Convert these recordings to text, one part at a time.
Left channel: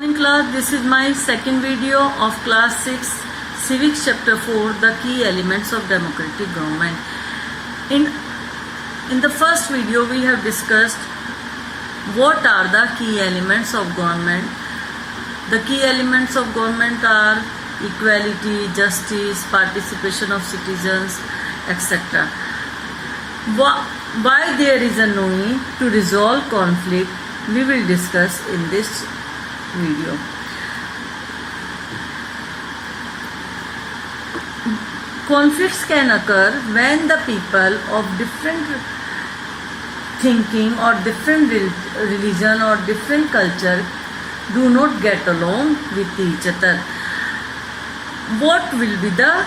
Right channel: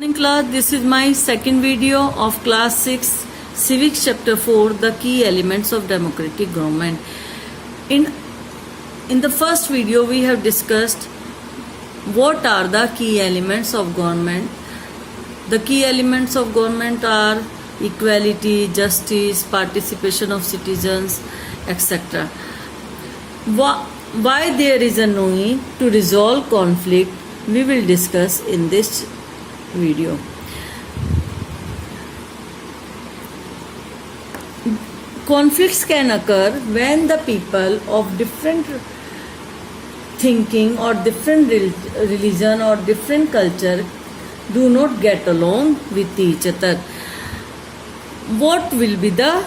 Morning class, this is my second video of class 6 civics chapter 4, the key elements of democratic government. In the first video we have discussed what are the key elements of government. The key elements of government are equality, justice, participation of citizens, etc. Why there is a need to resolve conflict we will discuss in this video. Conflicts can occur when the people of different thinking or different religion or different culture do not get along with each other. What will be the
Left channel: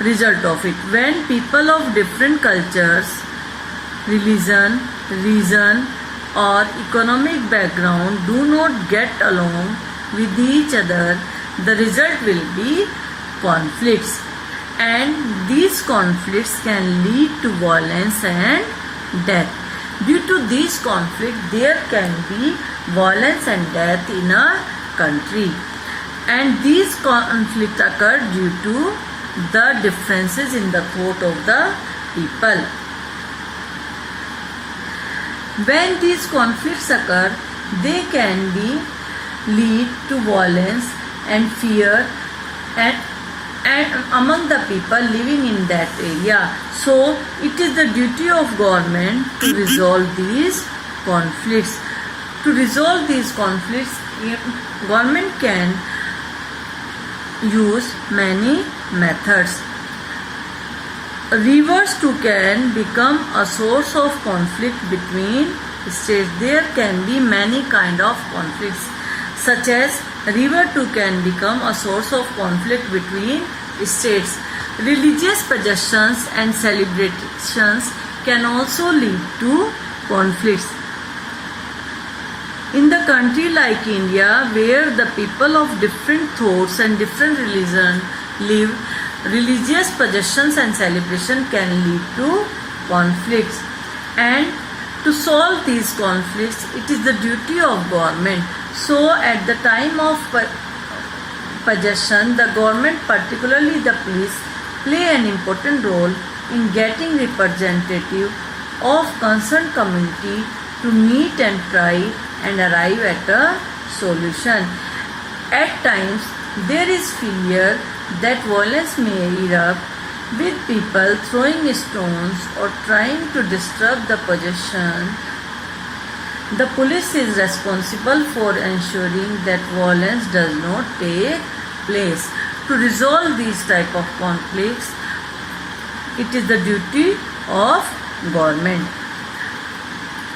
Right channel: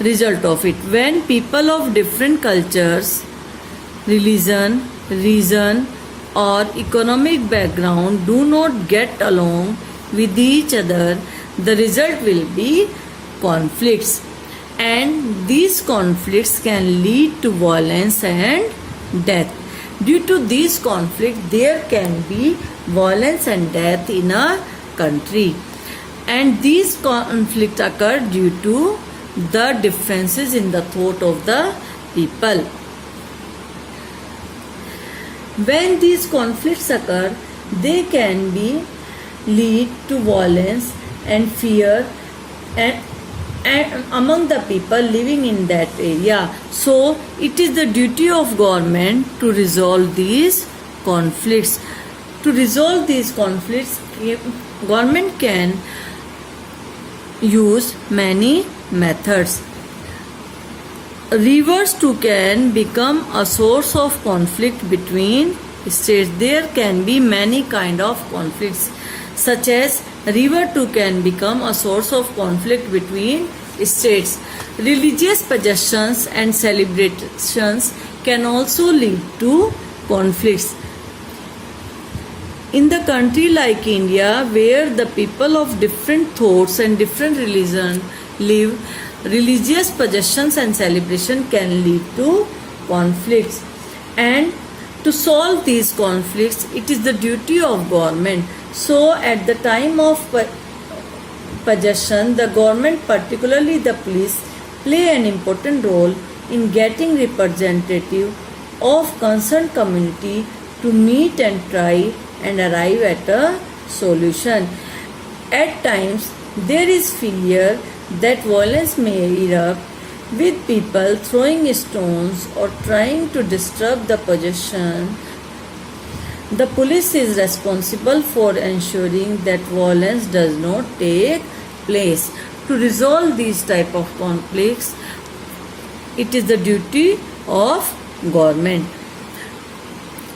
result of it? When people of different cultures, religion, reason or economic background do not get along with each other, the result will be conflicts, and these conflicts can lead to violence and death. Due to these conflicts, there can be violence and death in a country, and these conflicts occur due to the differences in the thought of the people. When these conflicts occur, they can lead to violence and fear and among the people living in that area. So it is the duty of government to resolve these conflicts. To resolve these conflicts, government can use many methods. Rivers too can become a source of conflict between states. There can be many kind of conflicts, such as river too can become a source of conflict between states. Religious possessions and celebrations can also lead to conflicts. In the country like India, where the people of different thoughts and different religion live, religious possessions and celebration can lead to conflicts, and to solve these conflicts it is the duty of government. So at the time of possession, the government, particularly the police, play an important role in getting representative of concerned community to meet and try and arrive at a solution. At times there is fear that violence may erupt, with people throwing stones or trying to disturb the possession. The police is responsible for ensuring that violence does not take place. To resolve these type of conflicts, it is the duty of government.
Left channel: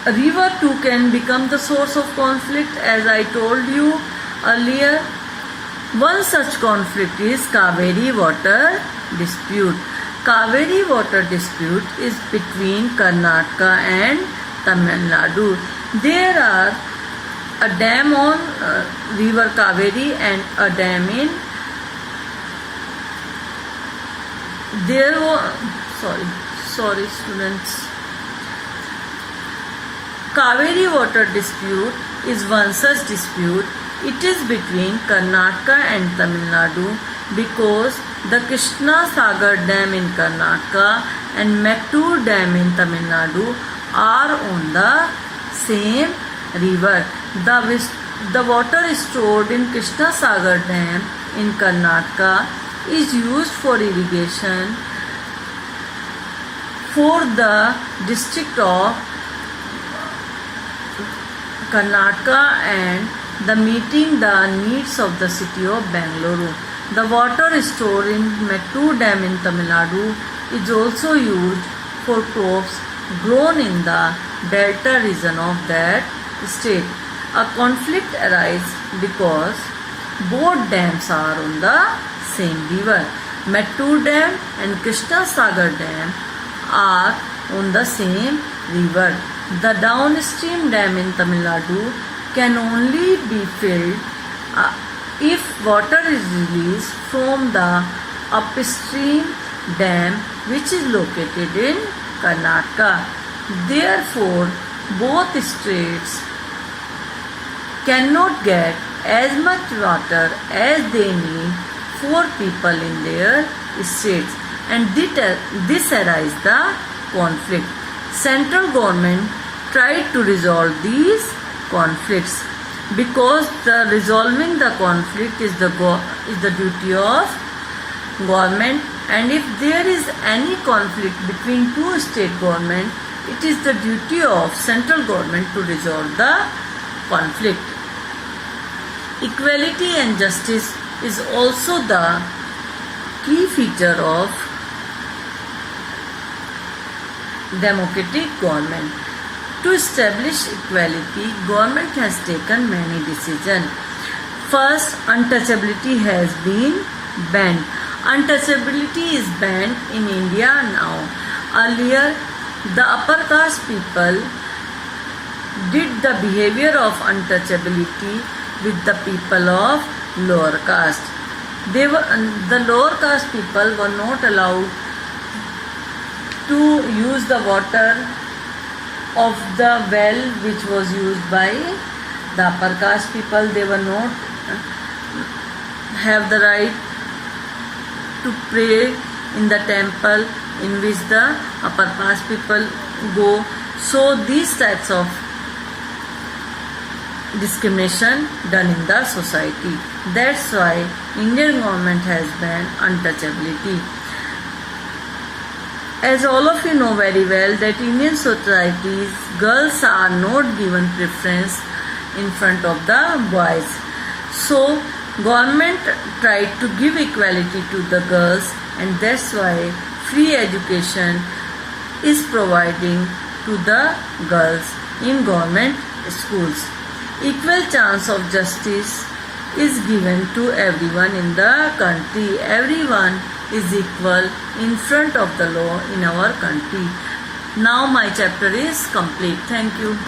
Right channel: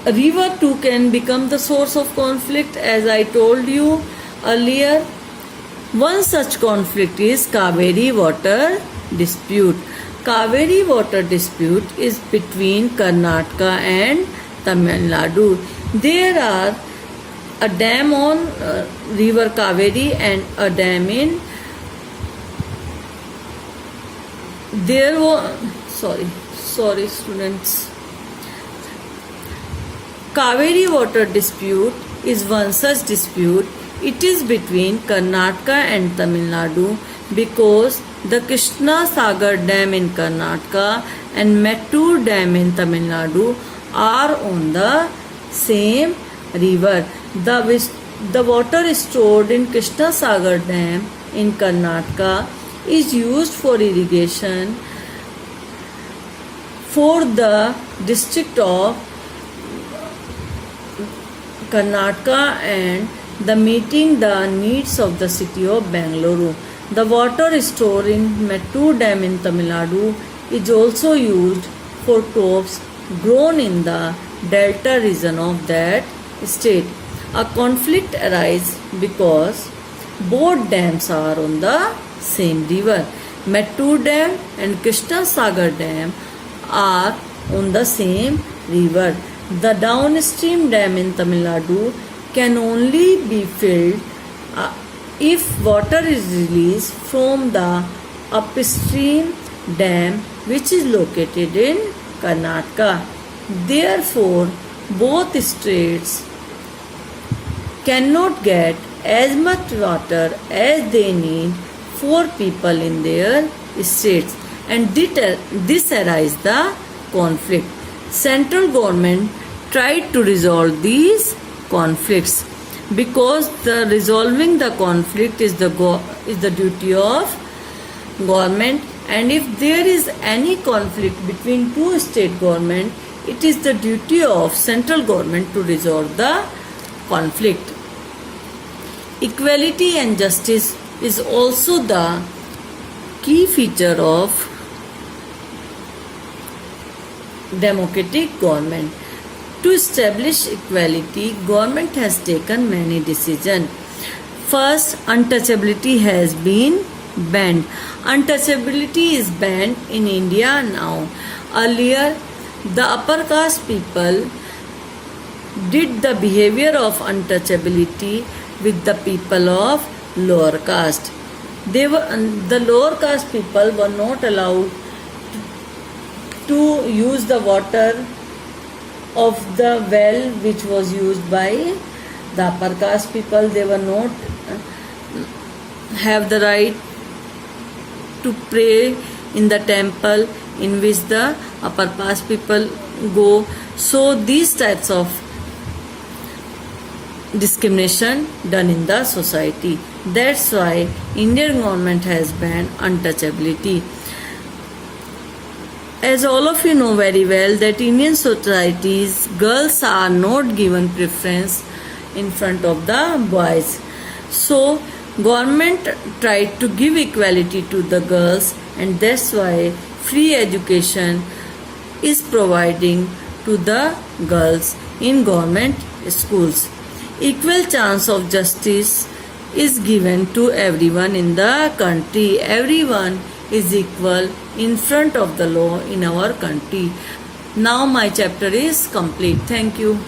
A river too can become the source of conflict, as I told you earlier. One such conflict is Kaveri water dispute. Kaveri water dispute is between Karnataka and Tamil Nadu. There are a dam on river Kaveri and a dam in sorry students. Kaveri water dispute is one such dispute. It is between Karnataka and Tamil Nadu because the Krishna Sagar Dam in Karnataka and Mettur Dam in Tamil Nadu are on the same river. The water stored in Krishna Sagar Dam in Karnataka is used for irrigation for the district of Karnataka and meeting the needs of the city of Bangalore. The water stored in Mettur Dam in Tamil Nadu is also used for crops grown in the delta region of that state. A conflict arises because both dams are on the same river. Mettur Dam and Krishna Sagar Dam are on the same river. The downstream dam in Tamil Nadu can only be filled if water is released from the upstream dam, which is located in Karnataka. Therefore, both states cannot get as much water as they need for people in their states, and this arise the conflict. Central government tried to resolve these conflicts because resolving the conflict is the duty of government, and if there is any conflict between two state government, it is the duty of central government to resolve the conflict. Equality and justice is also the key feature of democratic government. To establish equality, government has taken many decisions. First, untouchability has been banned. Untouchability is banned in India now. Earlier, the upper caste people did the behavior of untouchability with the people of lower caste. The lower caste people were not allowed to use the water of the well which was used by the upper caste people. They were not have the right to pray in the temple in which the upper caste people go. So these types of discrimination done in the society. That's why Indian government has banned untouchability. As all of you know very well that Indian societies, girls are not given preference in front of the boys. So government tried to give equality to the girls, and that's why free education is providing to the girls in government schools. Equal chance of justice is given to everyone in the country. Everyone is equal in front of the law in our country. Now my chapter is complete. Thank you.